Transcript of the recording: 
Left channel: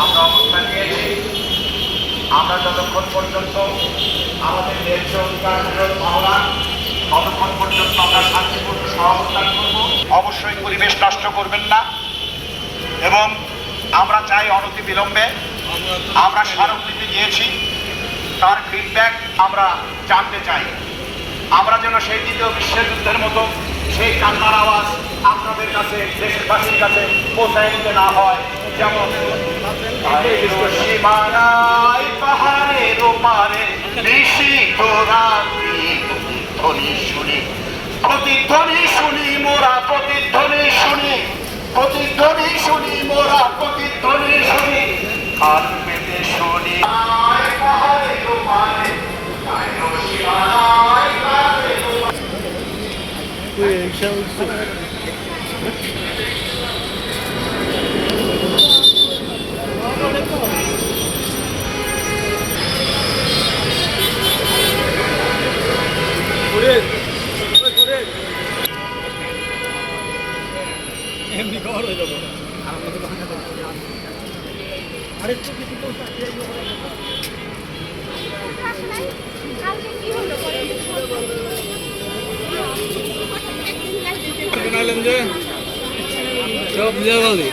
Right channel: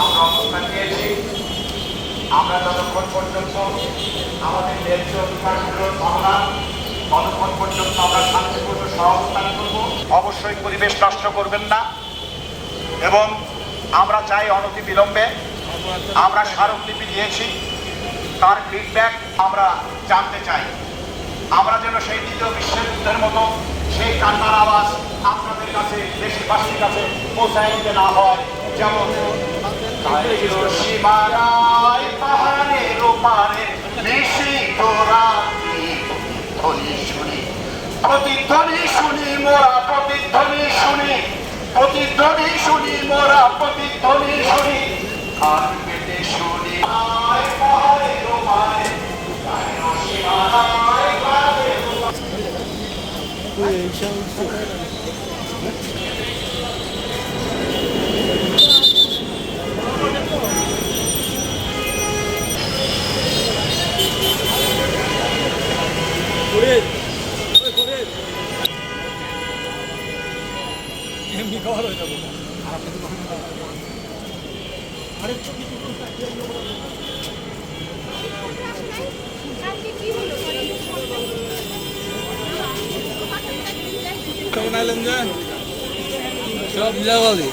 আমরা অবস্থান নিয়েছি। আমরা যতক্ষণ পর্যন্ত আমাদের ন্যায্য অধিকারগুলো মামলা ততক্ষণ পর্যন্ত আমরা শান্তিপূর্ণ সহাবস্থান করব। অবশ্যই পরিবেশ নষ্ট করবেন না এবং আমরা চাই অনতি বিলম্বে আমরা স্মারকলিপি দিয়েছি, তার ফিডব্যাক আমরা জানতে চাই। আমরা যেন সেই দ্বিতীয় বিশ্বযুদ্ধের মতো সেই কান্নার আওয়াজ আপনাদের কাছে, দেশবাসীর কাছে পৌঁছায় দিতে না হয়। যেমন সীমানায় পাহাড়ের ওপারে নিশীথ রাত্রি ধ্বনি শুনি, প্রতিধ্বনি শুনি মোরা, প্রতিধ্বনি শুনি, প্রতিধ্বনি শুনি মোরা, প্রতিধ্বনি শুনি, আর পেতে শুনি পাহাড়ের ওপারে এমনি কভার হয়ে যাবো। যে সব মিলাবালি